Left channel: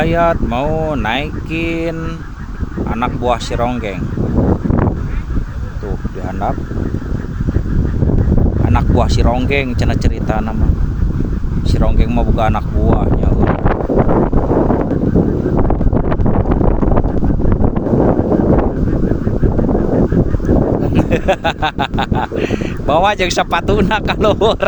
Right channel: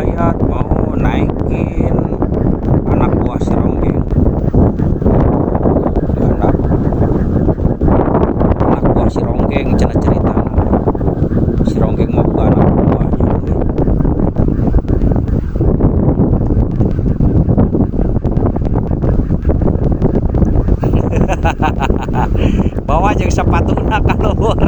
Yayat mau naikin anak buah si Ronggeng. Handap anak buah si Ronggeng cenah cerita nama. Si Ronggeng mau buka anak buahnya. Bawa jeung sepatuna kaluhur.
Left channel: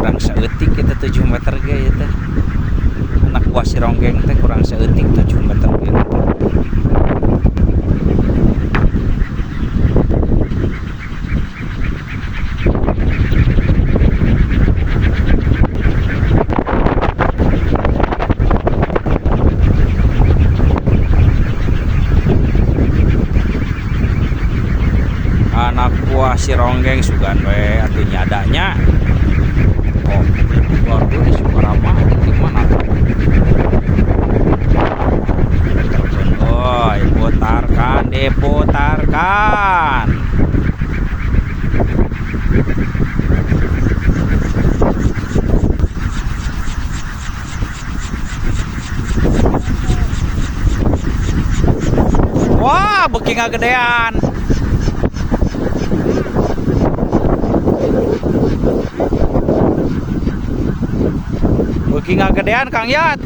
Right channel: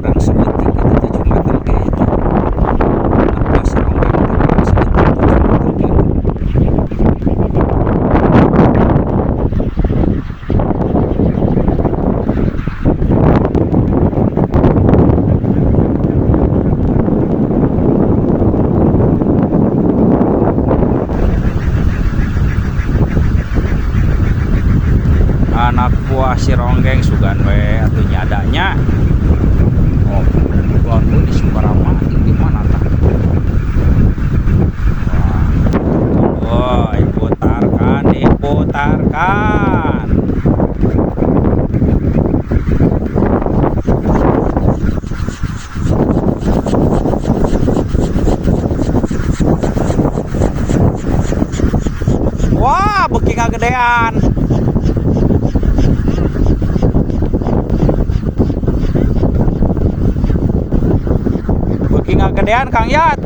Kurang seeutik itu 7 meter ge eta. Anak buah si Ronggeng teh kurang seeutik 7 meter ge. Anak buah si Ronggeng sugan we atuh nyadanya. Oh, keluar dulu di Sumberama itu mana kan? Oh, diputarkan, diputarkan. Wah, beuki ngagedean. Beuki ngagedean Kang Yat.